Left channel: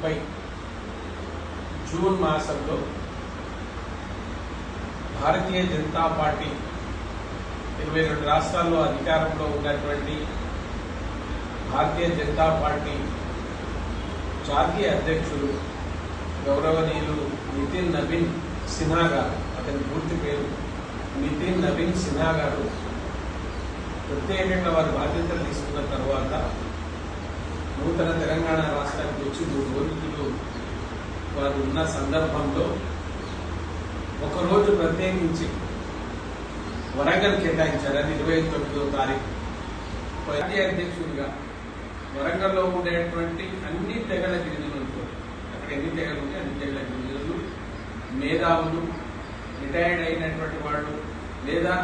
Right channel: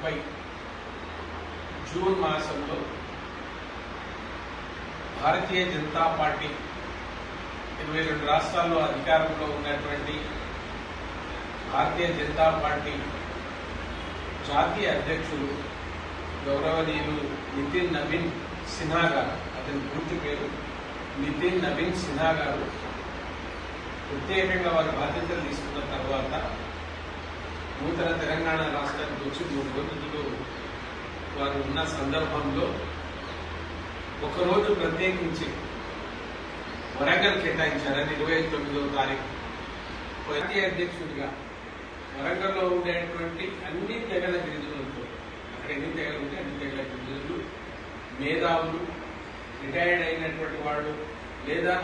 2030 June మాసంలో Bharatiya Janata party 22 రాష్ట్రాల్లో అధికారంలో ఉన్నటువంటి భారతీయ జనతా పార్టీ జాతీయ అధ్యక్షులు గౌరవనీయులు నితిన్ నవీన్ సిన్హా గారు, అతని పూర్తి పేరు నితిన్ నవీన్ సిన్హా గారు ప్రత్యేకంగా వారి బాధ్యతలు తీసుకున్న తర్వాత నూతన తెలంగాణ రాష్ట్రానికి వచ్చి 3 రోజులు వారు ఉన్న సందర్భంలో ఒకరోజు ప్రత్యేకించి వరంగల్ కేటాయించారని 29వ తారీఖు జాతీయ అధ్యక్షుడిగా వరంగల్లో ఉండేటువంటి అన్ని తెగల గిరిజనులతో, అక్కడ ఎన్ని తెగలు ఉంటే అన్ని తెగల గిరిజనులు, మేధావులు, రిటైర్డ్ అయినటువంటి వాళ్ళు లేదా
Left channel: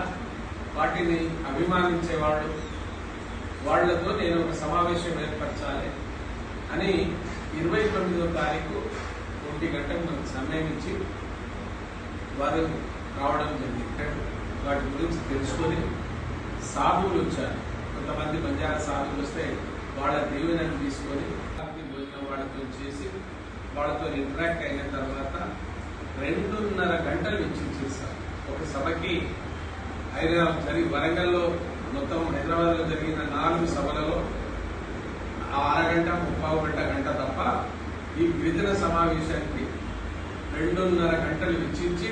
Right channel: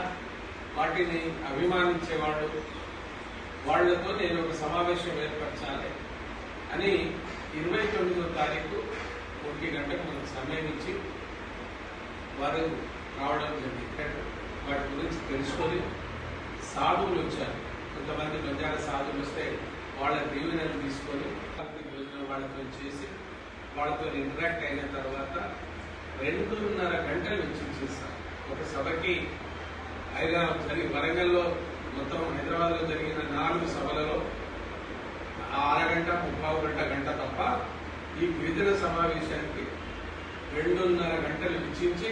వాటిని అభిమానించే వాళ్ళు, వాళ్లతో నేను ఒక సమావేశం ఏర్పరచాలి అని 29వ తారీఖు 1 గంటకు మనకు సమయం ఇచ్చి వారు రావడం జరిగింది. వాటి గురించి తెలుసుకొని సాధువులు వచ్చారు. కొంతమంది బంజారా సాధువులు వస్తే వాళ్ళ దీవెనలు తీసుకొని వాళ్ళతో చేసి వాళ్ళతో ఇంటరాక్ట్ అయిన తర్వాత 2.5 గంటలు వెచ్చించేశారు. ఒక సభకి వరంగల్లో మొత్తం హైదరాబాద్ లో జరిగిన 4 సభలలో 6 గంట 30 గంట తప్ప ఈ గిరిజన సమావేశానికి 2.5 గంటలు వెచ్చించి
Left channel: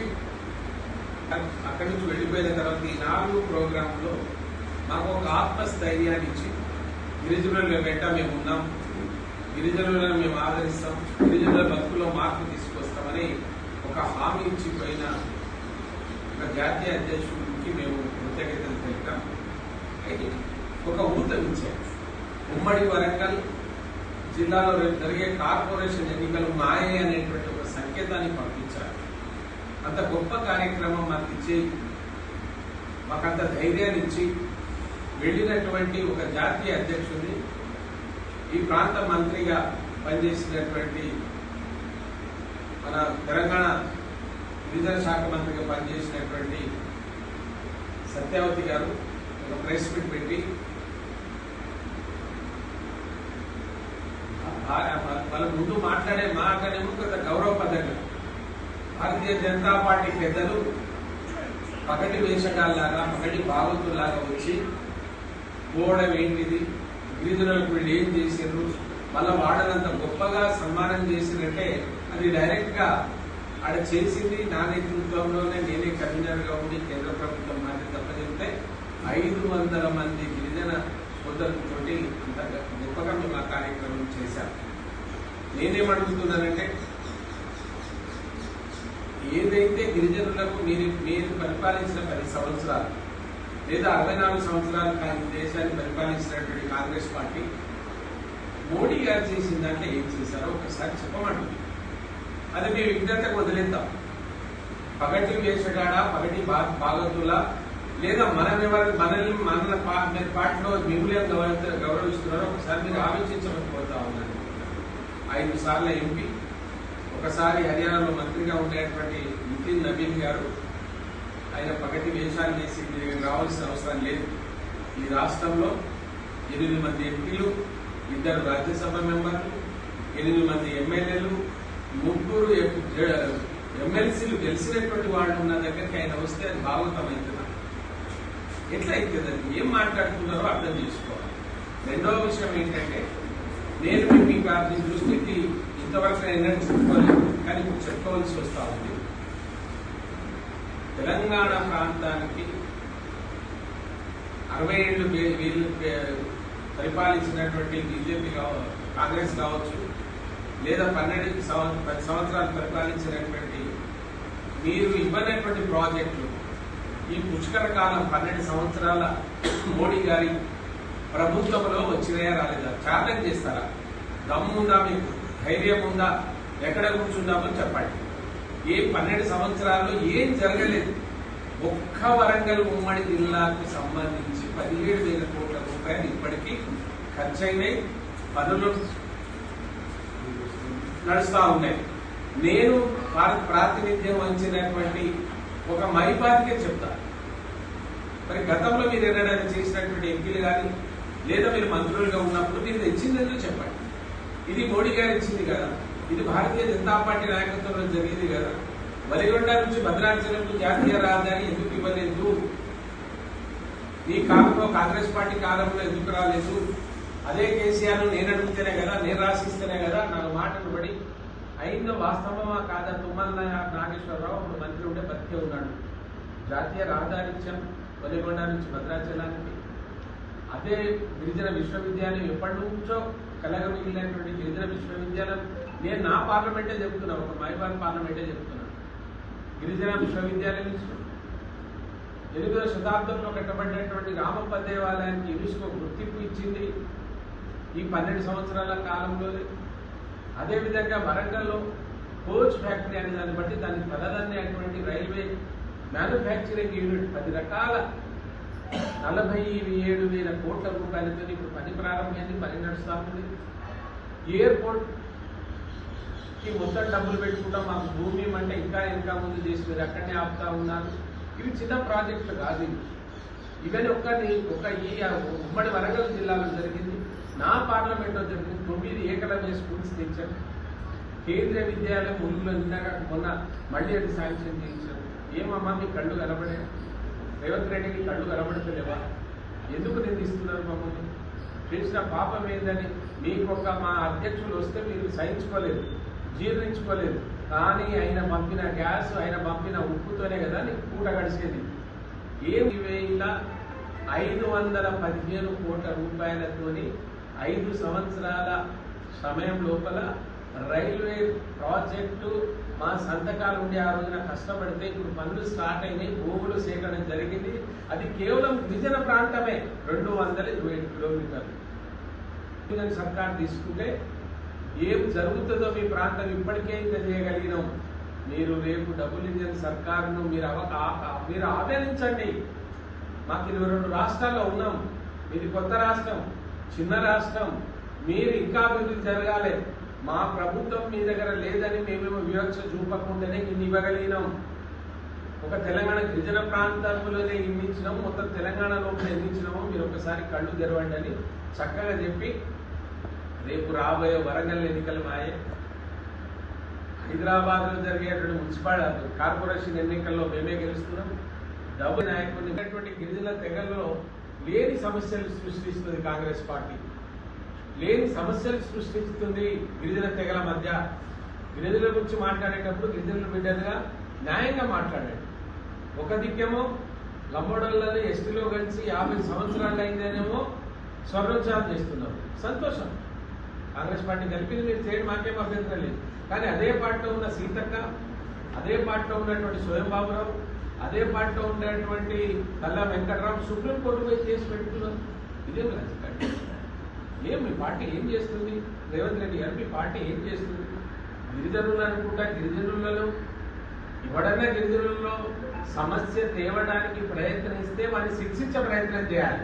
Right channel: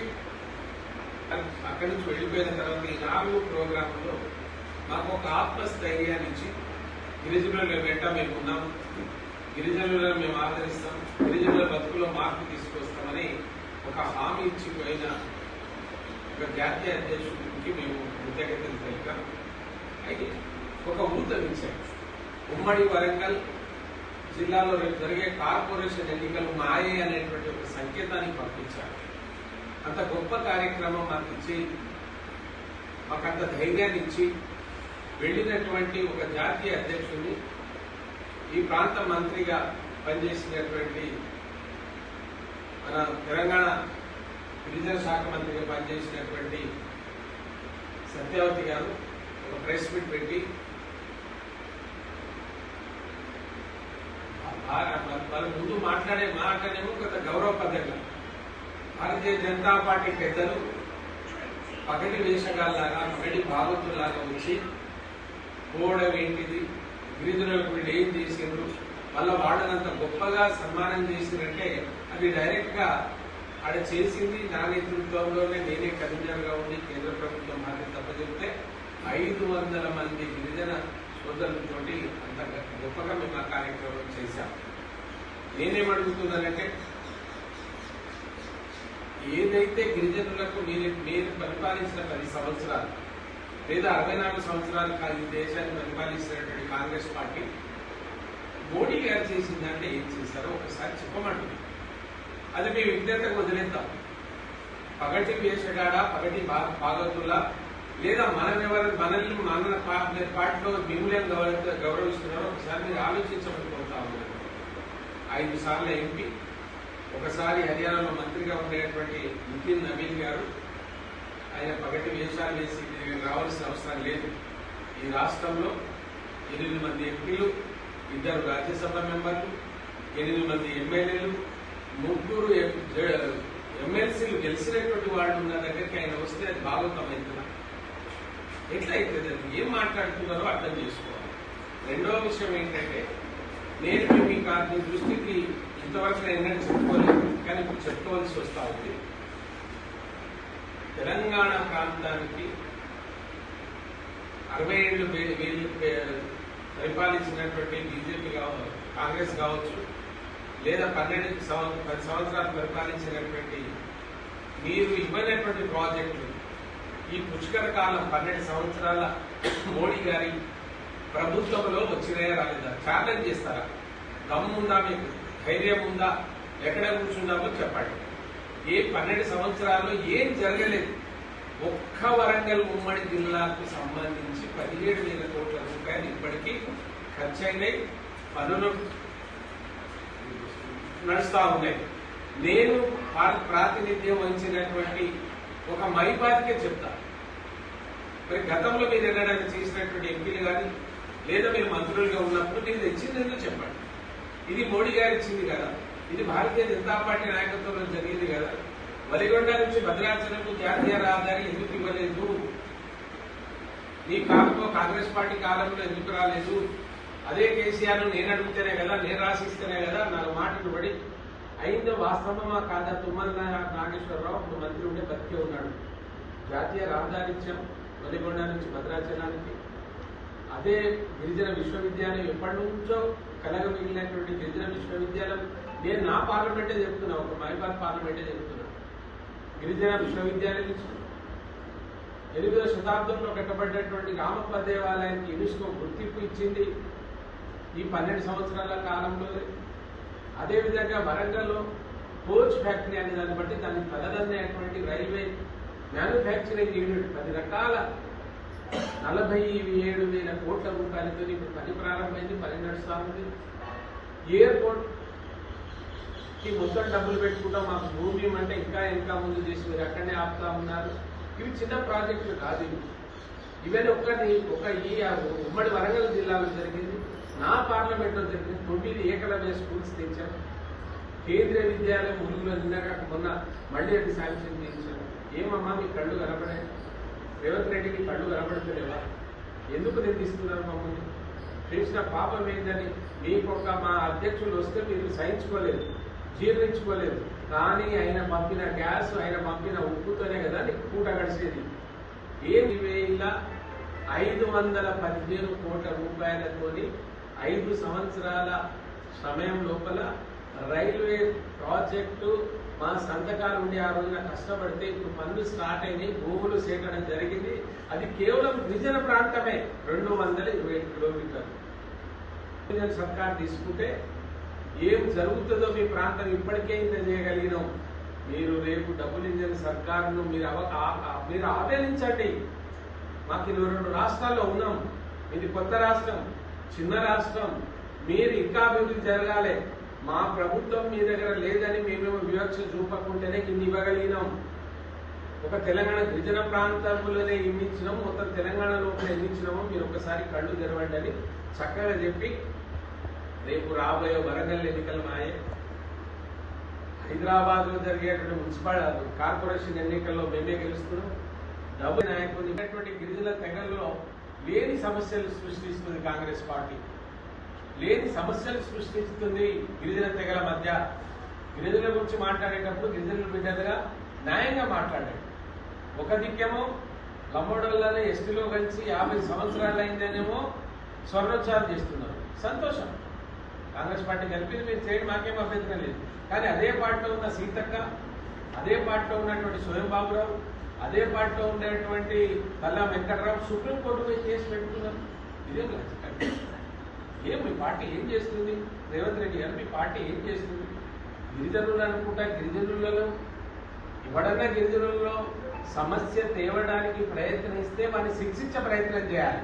అక్కడి నుంచి వెళ్లిపోయిన తర్వాత ఈ 4 ప్రోగ్రాంలో మాకు ఒక ఆత్మస్థైర్యాన్ని ఇచ్చి గిరిజనుల వెంట మేము ఉన్నాం, గిరిజనులను మేము ఆదరిస్తాం, గిరిజనుల బతుకులో మార్పు తీసుకొస్తామని ఒక హామీ ఇచ్చిపోయిన ఒక జాతీయ అధ్యక్షుడికి మేము కృతజ్ఞతలు తెలిపాం. అయితే ఒక ఊతమిచ్చాం. ఉమ్మడి వరంగల్ జిల్లాలో రేపు జరిగే కార్పొరేషన్ ఎన్నికలు మాయే అనేటువంటి ఒక సంకేతాన్ని పంపించారు. అంత గొప్ప కార్యక్రమం మాకు ఇచ్చి మాకంత ధైర్యాన్ని ఇచ్చి వెళ్లినటువంటి ఒక జాతీయ అధ్యక్షుడిని ఈ ప్రాంత మంత్రిగా పనిచేసినటువంటి మన తెలంగాణ గిరిజన శాఖ మంత్రిగా పనిచేసినటువంటి సత్యావతి గారు ఒక ప్రెస్ మీట్ పెట్టి వాళ్ళ ముందు మాట్లాడే మాటనేమో కొంత గౌరవపదంగా భారతీయ జనతా పార్టీ పెద్దలు పగటి వేషగాల్లాగా పగటి భాగవతుల్లాగా వచ్చి పోవడం ఏంటిది, గిరిజనులకు వీళ్ళు ఏం చేసిండ్రు, వాళ్ళ వాడనంత గొప్పగా సన్మానం చేసినట్టే అది డైరెక్ట్ గా ఆడ చేసింది నా నేతృత్వంలోనే, నేనే కన్వీనర్ గా ఉండి కేంద్ర ప్రభుత్వం మాది తప్పచెప్తే 500 మంది గిరిజన సోదరులతోటి అంత గొప్పగా మేము ఆ కార్యక్రమం చేశాం. నేనేమడుగుతున్నానంటే ఏదైతే గిరిజనులకు మీరు పరిపాలించిన 10 సంవత్సరాలు లేదా 64 సంవత్సరాలు ఈ దేశాన్ని పరిపాలించినటువంటి కాంగ్రెస్ పార్టీ మోడీ గారు చేసిందంటే ఏం చేశారో ఒకసారి చెప్పమంటుంది. అది మీ విజ్ఞతకు వదిలేద్దాం. పగటి వేషగాడ, పగటి భాగతులా లేదా మనల్ని మన పార్టీలో మిమ్మల్ని గౌరవిస్తున్నారో ఒకసారి మీరు ఆలోచించమని కోరుతా ఉన్నారు. 5 సార్లు ఎంపీ, ఒకసారి హర్యానాలో మంత్రిగా ఉండేటువంటి నితిన్ నవీన్ గారు, ఆయన పగటి వేషాలు వేసి రావాల్సిన అవసరం లేదు. ఈ రాష్ట్రంలో 8 మంది ఎంపీలు, 2 రాజ్యసభ మెంబర్లు, 8 మంది ఎమ్మెల్యేలు, 3 ఎమ్మెల్సీలు గెలిచినటువంటి వాళ్ళు ఉన్న దగ్గరికి ఆయన వస్తే అది భాగవతమవుతున్నారు. ఎట్లా అవుతుంది? అది ఏం మాట్లాడుతున్నారో అర్థం చేసుకోవాలి. రెండవ విషయం ఏంటంటే నేను మీకు మీ దృష్టికి ఇంతవరకు ఎన్నడూ చెప్పుకోలేదు, కానీ ఇప్పుడు చెప్పుకోవాల్సి వస్తా ఉంది. తెలంగాణ ప్రాంతానికి 60 ఏళ్లు వీళ్ళు పరిపాలించినటువంటి బీజేపీ కాంగ్రెస్ కావచ్చు, లేదా 10 సంవత్సరాలు పరిపాలించినటువంటి మీరు ఇవ్వనటువంటి ప్రాజెక్టులు ఈ పుష్కర కాలం 12 సంవత్సరాల మోడీ గారి ప్రభుత్వంలో వచ్చినాయా రాలేదా? ఛాలెంజ్ చేస్తారా? దమ్ముందా, మీకు ధైర్యం ఉందా? ఎక్కడ కూర్చుందామో చెప్పండి. ఏ 12 సంవత్సరాలు ఏం జరగలేదు. ఒక్క వరంగల్ ఉమ్మడి జిల్లాకు సంబంధించి 17,000 కోట్ల రూపాయలు ఇప్పటికీ ఖర్చయినాయి, పనులు నడుస్తా ఉన్నాయి. నేను ప్రాతినిధ్యం వహించినటువంటి ఒక మైపాదికే చెప్తా. మరి గతంలో మీరు ఏదైనా చేసినటువంటి ఎంపీలు కానీ లేదా మీరు మంత్రులుగా ఉన్నప్పుడు మీరు తెచ్చిందేదో చెప్పండి. ఇది మోడీ గారు ఇచ్చింది కదా, ఇది భారతీయ జనతా పార్టీ నాయకత్వంలో జరిగింది కదా. వలిగొండ నుంచి భద్రాచలం జాతీయ రహదారి ఎందుకు ఇవ్వలేదు? ఈ కాలంలో కాంగ్రెస్ పార్టీ కాలంలో ఎందుకు రాలేదు? అదే కేసీఆర్ నేను అడిగితేనే కదా, నేను రాసిస్తేనే కదా నాకు మాటలు పడి అయిందో వాస్తవమా కాదా? తుమ్మల నాగేశ్వరరావు ఒక మంత్రి ఉండే బతికే ఉన్నాడు. జాతీయ రహదారి ఇచ్చాం వలిగొండ నుంచి భద్రాచలానికి. అదే గిరిజన విశ్వవిద్యాలయం ఎప్పటి నుంచో కలగ మిగిలినటువంటి గిరిజన విశ్వవిద్యాలయం నేను నా పార్లమెంటే చెప్తున్నా, ఒక మైబాల్ పార్లమెంటే చెప్తున్నా. గిరిజన విశ్వవిద్యాలయం ఇచ్చి 8వ శతాబ్దంలో కట్టబడినటువంటి రామప్ప దేవాలయానికి యునెస్కో గుర్తింపు ఇచ్చింది ఈ 12 సంవత్సరాల కాలంలో. అదేవిధంగా వరంగల్లో కోచ్ ఫ్యాక్టరీ అనే దాన్ని బట్టి దాన్ని తలదన్నేటువంటి రైల్వే మ్యానుఫ్యాక్చరింగ్ యూనిట్ 10 రకాల 47,000 కోట్ల రూపాయలతో ఇప్పుడు పని ప్రారంభమైంది, పని నడుస్తా ఉంది. ఎయిర్పోర్ట్ కి మొత్తం డబ్బులు పెట్టుకుంటాం, మాకు భూమి అంటే ఇంకా ముందు చేసి మీరు అక్కడనే ఆపుతా ఉన్నారు. ఇవి చిన్న ప్రాజెక్టులు కాదు. ఇవన్నీ ఒక ఈ ఉమ్మడి వరంగల్ జిల్లాలో జరిగింది, నా పార్లమెంట్లో జరిగింది. 9 ఏకలవ్య స్కూల్స్ తెచ్చారు. కేంద్రీయ విద్యాలయం ములుగులో మొన్న మళ్ళీ అది శాంక్షన్ చేయించారు. ఏమమ్మా మీ కళ్ళు కనబడే? రేవంత్ రెడ్డికి కళ్ళు కనబడుతులేవా? ఎందుకు నిందిస్తున్నారు మమ్మల్ని? చేసిన పాపం ఏందని మీకొక మా అధ్యక్షులు వస్తే మీరు సహించుకోలేదు, జీర్ణించుకోలేదు. కానీ ఆయన పంపిన గ్యాస్, ఆయన పంపిన ఉప్పుతోనే కదా నీకు పూట గడిచేది. 7,515 కోట్ల రూపాయలతోని 5 సంవత్సరాల సమయం లోపల రైల్వే ప్రాజెక్టు మా సంతకాలు ఉండి ఆ రోజున కష్టపడితే ఇప్పుడు పనులు స్టార్ట్ అయినాయి, భూములు సేకరణ జరిగింది. అది కేవలం గిరిజన ప్రాంతమే. 227 కిలోమీటర్లు సర్కార్ తీసుకుంటే ఏం జరుగుతుందో మీ ప్రాంతం ఇప్పటికే ఇంత చేయగలిగినాం. మీరు రేపు డబుల్ ఇంజన్ సర్కారును మీరు ఆదరించండి. మాకు 22 రాష్ట్రాల్లో ఉన్నాం, ఇది కొత్త రాష్ట్రం, చిన్న రాష్ట్రం. మీరు ఇంకా అభివృద్ధి జరగాలి. మా ప్రభుత్వం మీ దగ్గర లేదని మేమేమో వివక్ష చూపకుండానే ఇన్ని ఇవ్వగలిగినాం. ఒక తెలంగాణ గిరిజన ప్రాంతంలోనే ఇన్నిచ్చినాము, మొత్తం తెలంగాణ లోపల ఎన్నిచ్చినామో మీరు ఒకసారి కళ్ళు తెరవండి అని చక్కగా చెప్పి రేపు రాబోయే వరంగల్ ఎన్నికలు మాయే, హైదరాబాద్ లో జరిగేటువంటి మున్సిపల్ కార్పొరేషన్ ఎన్నికల్లో మేమే గెలుస్తున్నాం. డబ్బు నాయకుడు గిరిజన తెగల్లో లేని సమస్యలు సృష్టిస్తుంది కాంగ్రెస్ పార్టీ, లేని సమస్యలు సృష్టిస్తుంది గిరిజన తెగల మధ్య. గిరిజనుల గురించి మాట్లాడేటప్పుడు గిరిజనుల బిడ్డలుగా న్యాయంగా మాట్లాడండి. ఒక దిక్కేమో లంబోడర్లలో ఎస్టీలో కలిసి 50 సంవత్సరాలు అయిందనేమో స్వర్ణోత్సవం చేస్తున్నారు, సంతోషం. కాంగ్రెస్ పార్టీ కలిపింది, మీరు చేయండి, మాకేం అభ్యంతరం లేదు. కానీ అదే పార్టీలో ఉన్న సీతక్క, అదే పార్టీలో ఉన్నటువంటి స్వయం బాబురావు, అదే పార్టీలో ఉండేటువంటి తల్లా వెంకటరావు సుప్రీంకోర్టు పోయి కేసు పెట్టుకున్నారు. ఇదేం లాజిక్? ఏం మీ పార్టీ ఏం చేస్తుంది? రేవంత్ రెడ్డి గారు మీ పార్టీ ఏం చేస్తుంది? గిరిజనులు అనుకుంటా, గిరిజనులలో ఎవడన్నా గిరిజనుల్లో సమస్య తేవడానికి ప్రయత్నిస్తే వారిని శిక్షించే ప్రయత్నం చేయాలి.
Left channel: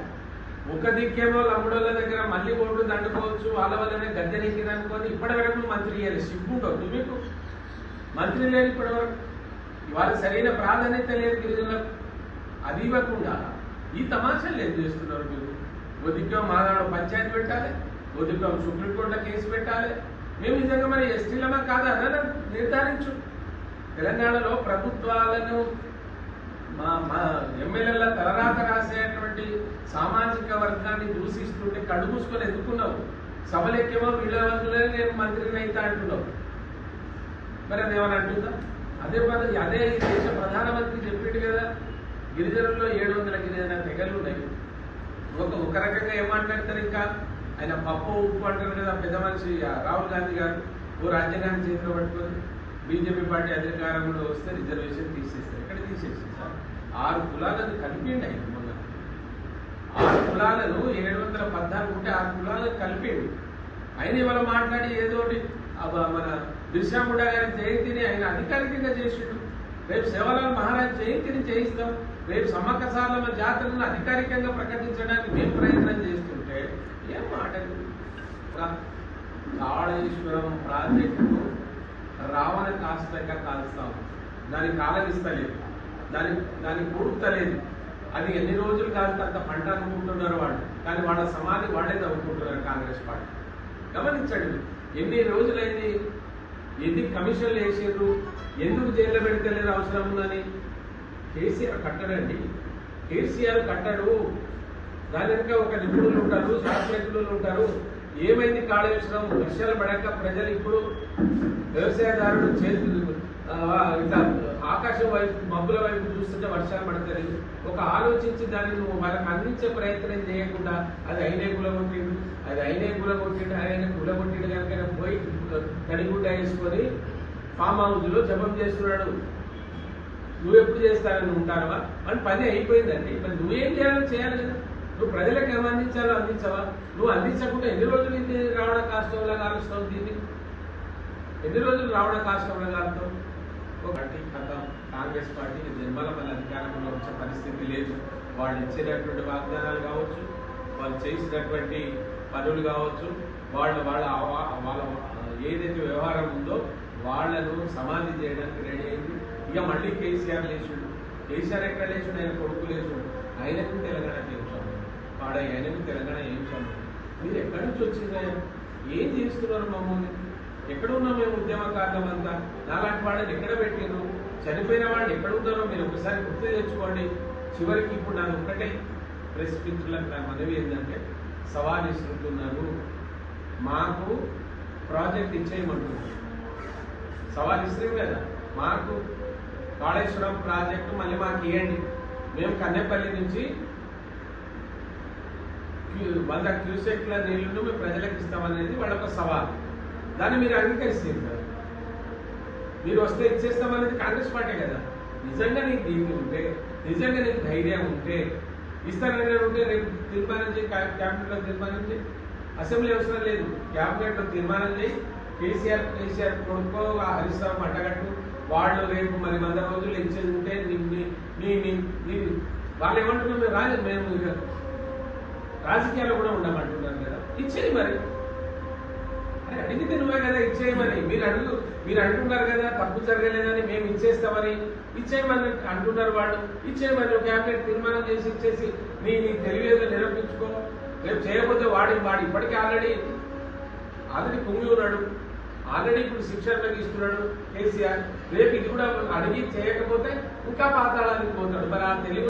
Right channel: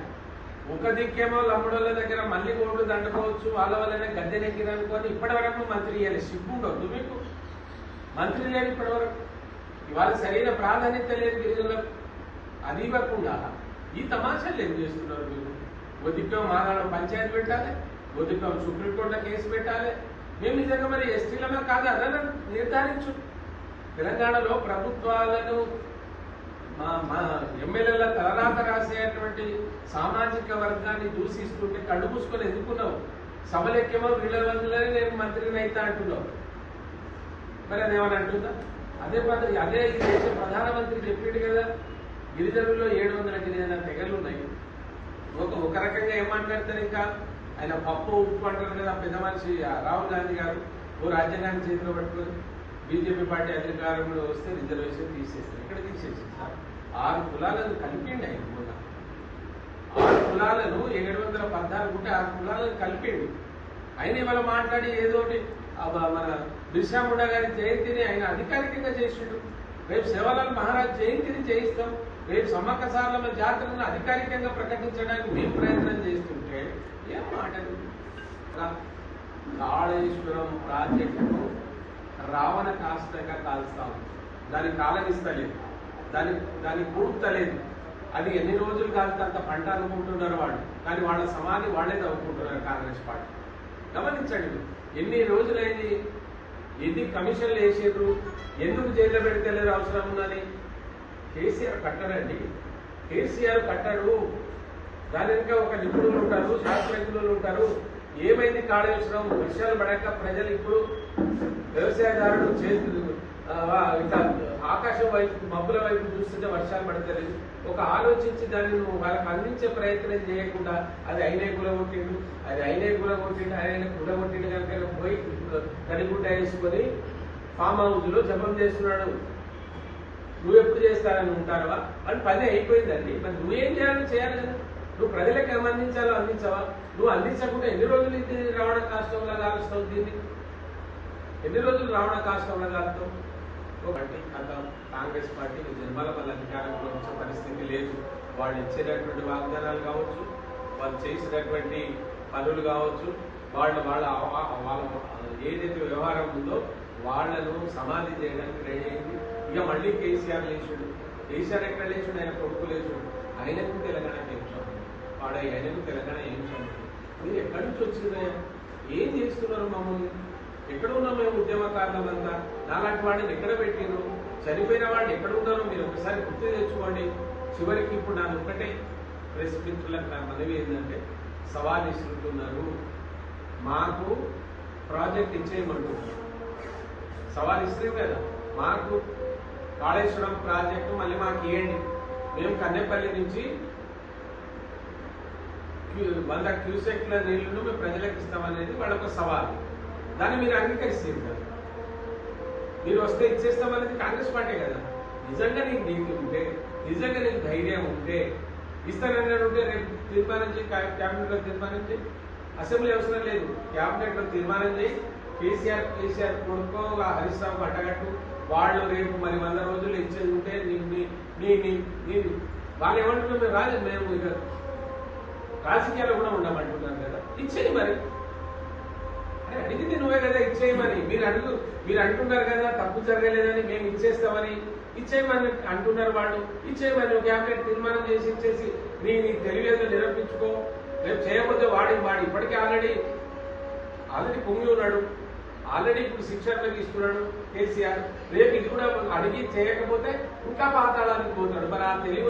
ఒక దిక్కేమో లంబడోళ్ళ దగ్గర మళ్ళీ ఓట్లు దండుకోవచ్చు, వాళ్ళ వల్లనే గద్దెనెక్కిరనుకోని ఇప్పటివరకు మంత్రి ఇవ్వాలి. సిగ్గుండవు మీకు? మంత్రి లేదు ఇప్పటివరకు. ఇవాళ సరైన ప్రాధాన్యత లేదు గిరిజనులకు. అది ఇవ్వకుండా ఈ తమాషాలు ఏం చేస్తున్నారు మీరు? ఓ దిక్కేమో మాదాడు పంచాయతీ పెట్టాలి, ఓ దిక్కేమో సుప్రీంకోర్టులో కేసు పెట్టాలి. మేము నిజంగా మరి ఎస్టీలమా కాదా అన్న నిర్ధారించు. తెలంగాణలో ప్రభుత్వాలను మా ఎమ్మెల్యేల తలరాత రాసేటువంటి సామాజిక వర్గాన్ని దూషిస్తుంటే కళ్ళు మూసుకొని ఎందుకున్నావు? సభలెక్కేమో వీళ్ళ వంతులనే నేను మంత్రిని అయితే అంటున్నావు. మరి అని ఏమని అంటుందా? అదే ఈ దేశ ప్రధానమంత్రి చెప్పిండు కదా, గిరిజనుల్లో 700 గిరిజన తెగలు ఉన్నాయి. ఒక రకంగా ఏం మాట్లాడతారు? ఇంకా ఆయన పప్పు ఉప్పు అంటారు కదా పెద్ద మనిషి రాహుల్ గాంధీ గారు. ఓ రాజ్యాంగాన్ని చేతిలో పట్టుకొని బీజేపీ పార్టీ అధికారంలో వస్తే రిజర్వేషన్ తీసేస్తారు. ఎక్కడ తీసేసింది సార్? 6 కులాలను కలిపిండి ఆయన మొన్న. 6 కులాలను 714 ఉంటే 6 కులాలను కలిపిండు. ఆయన ఇవాళ మాట్లాడి ఏదోటి మన బిర్సా ముండా గారి జయంతిని ఆయన అధికారికంగా చేసిండు. రేపు సేవలాల్ మహారాజ్ జయంతిని చేయిస్తాం. రేపు సమ్మక్క సారలమ్మ జాతరను అధికారికంగా ప్రకటించడానికి మేము ప్రయత్నం చేస్తుంటే ఏం మాటలు? కాళేశ్వరం ప్రాజెక్టును రావణ కాష్టంగా కాల్స్తాం, దాన్ని కాలనిస్తలేదు, దాన్ని కూడుతలేదు. అది ఎన్ని రోజులు కాదు అంత పంట అనుకుంటున్నారు వాళ్ళు, కానీ వాళ్ళ సమాధి వాళ్ళే తవ్వుకుంటున్నారు కాంగ్రెస్ పార్టీ. గమనించండి, ఎన్ని రోజులైంది ఎన్ని కమిషన్లు వేసారు, ఎందుకు జైల్లో పెడితేలేరు అవసరం ఉందని. కేసీఆర్ కట్టడండి, కేసీఆర్ కట్టడు. దాని వెనుక ఒక నిపుణులు ఉంటారు, శాస్త్రజ్ఞులు ఉంటారు. ఏమైంది కాళేశ్వరం? వర్షాలు పడాక ప్రజలు ఇప్పుడు వ్యవసాయదారులు చేతులు ఇట్లా ఆకాశం వైపు మబ్బుల వైపు చూస్తుంటే వర్షాలు పడతలేదు. ఒక ఆలోచించి దాన్ని నువ్వు వాళ్ళకి అందించే ప్రయత్నం చేయకుండా అది అయినే గులగొట్టిండు, అది అయినే గులగొట్టిండు, ఆయన గులగొట్టిండు కనుక పోయి తడిగుడ్డ వేసుకొని ఫామ్ హౌస్ లో జపం చేస్తున్నాడు. నువ్వు ఎప్పుడు చేస్తానని ఉంటావా అని పని అయిపోయిందండి. మరి నువ్వేం చేయాలని చేయాలి కదా. నువ్వు ప్రజలకు ఏం అందించాలో అందించవా? నువ్వు అందించకుండా ఎన్ని రోజులు ఇది రావణ కాష్టంలో కాలుస్తావు? దీన్ని ఎన్ని రోజులు రావణ కాష్టంలో కాలుతావు? ఒకటి కథ కాంగ్రెస్ పార్టీకి జన్మల మళ్ళీ అధికారంలో వచ్చే పరిస్థితి లేదు. వాళ్ళు ఇచ్చేటటువంటి వాగ్దానాలు కావచ్చు, వాళ్ళు చేసినటువంటి పనులు కావచ్చు, వాళ్ళ ఏదైతే వ్యవహారం ఉందో వాళ్లను సమాధి చేయడానికి రెడీ అయింది. ఇక మళ్ళీ కేసీఆర్ లేచుడు. కేసీఆర్ ఎక్కడ లేచుడు? ఆయన కొడుకు లేచుడు. ఆయనకు తెలంగాణకి ఏం చదువు వాడ, ఆయనకు తెలంగాణ ఏం చదువు? మీరు ఎక్కడి నుంచి వచ్చిందయ్యా? ఏం చేస్తున్నారు మమ్మల్ని? ఎక్కడ ఉన్నాం మేము ఉద్యమకారులమంతా? నాలాంటి వాళ్ళని ఎక్కడ పెట్టిను? చనిపోయిన వాళ్ళు ఎక్కడ ఉన్నారో మీరు ఒకసారి గుర్తు తెచ్చుకోండి. చివరికి ఇప్పుడు నాకు ఒక్కటే ప్రెస్ మిత్రులకు నా మనవి ఏంటంటే, సవాల్ ఇస్తున్నారు, మాకు ప్రాజెక్ట్ ఇచ్చేయమంటున్నారు. సవాల్ ఇస్తారు కదా, మాకు కాళేశ్వరం ప్రాజెక్టు మళ్ళీ మాకు ఇవ్వండి, మేము కన్నెపల్లి నుంచి 100 క్యూసెక్ల నీళ్లను మేము ప్రజలకు ఇస్తామనేది వాళ్ళొక సవాల్. దాన్ని మీరు అంగీకరిస్తారు కదా. మీరు వస్తే ఇచ్చేస్తామనేది కాంగ్రెస్ పార్టీ కదా. నిజంగా నీకు దీనికి ఉంటే, నిజంగా నీకు ధైర్యం ఉంటే, ఇస్తానని ఉంటే రేపు తీర్మానం చేయి, క్యాబినెట్ లో తీర్మానం చేయి. అసెంబ్లీ అవసరం లేదు, క్యాబినెట్ లో తీర్మానం చేయి. కేసీఆర్ కొడుకో హరీష్ రావు అడ్డగట్టు, వాళ్ళు రేపు మరి 100 రోజులు ఇచ్చేది ఉంటే వాళ్ళు ఏమంటున్నారు? మేము ఇక రాజకీయాల్లో కూడా ఉండమంటున్నారు కదా, ఇచ్చేయి మరి. అని అడిగింది నువ్వే కదా, ఇచ్చేయమని. మీరు అంటున్నారు కదా తప్పు జరగలేదని, మేము ఇచ్చేస్తామని. ఇచ్చేయమని అంటున్నారు వాళ్ళు, ఇచ్చేయమని క్యాబినెట్ తీర్మానం చేసి ఇచ్చేసి నీ తెలివేదో నిరూపించుకో. రేపు చేయకపోతే వాడి ఇప్పటికీ ఆల్రెడీ పొంగి ఉన్నాడు, ఆల్రెడీ ఇప్పుడు శిక్షణలకు ఇస్తున్నాడు కేసీఆర్. రేపు ఇది కూడా అడిగి చేయకపోతే ఇంకా పాతాళానికి పోతాడు. మరి ఆ తెలివి